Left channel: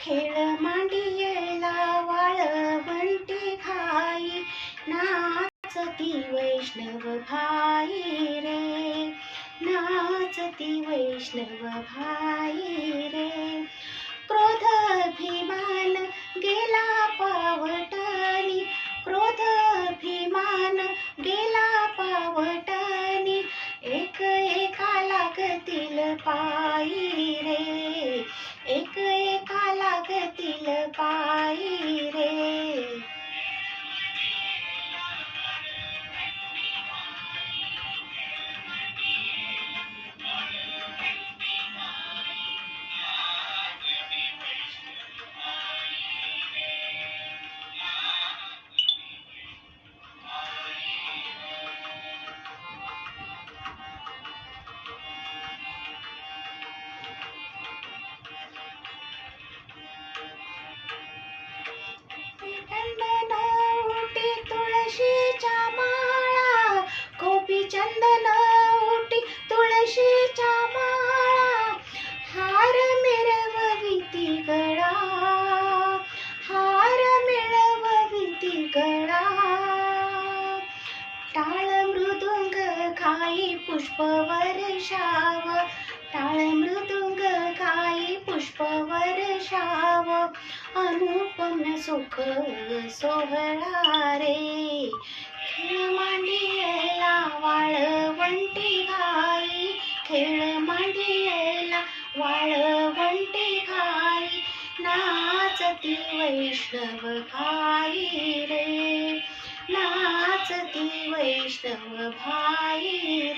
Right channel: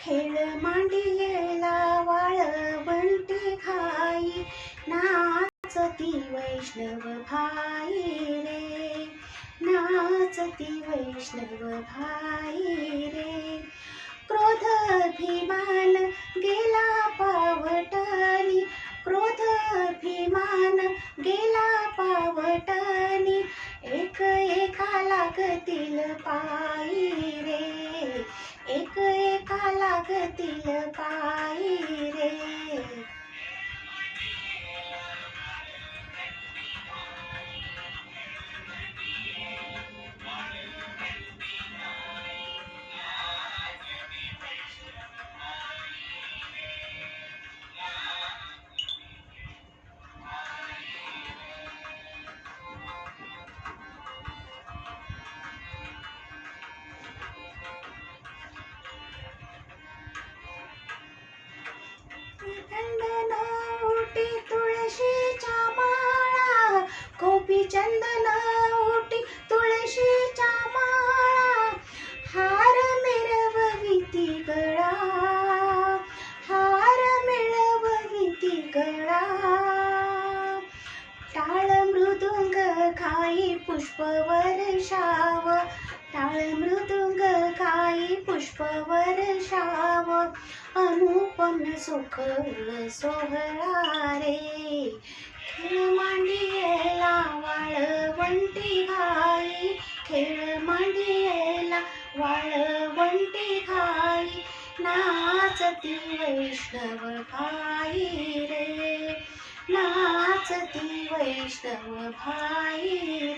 खेळ मांडियेला वाळवंटी घाई, नाचती वैष्णव भाई रे, नाचती वैष्णव भाई रे. क्रोध अभिमान गेला पावटानी, क्रोध अभिमान गेला पावटानी, एक एका लागतील पायी रे, एक एका लागतील पायी रे. चंदन उटी तुळशीच्या माळा, गोपी चंदन उटी तुळशीच्या माळा, हार मिरवविती गळा, हार मिळवविती गळा. टाळ मृदुंग खाई पुष्प वर्षाव, टाळ मृदुंग खाई पुष्प वर्षाव, अनुपम सुख सोहळा रे. खेळ मांडियेला वाळवंटी घाई, खेळ मांडियेला वाळवंटी घाई, नाचती वैष्णव भाई रे, नाचती वैष्णव भाई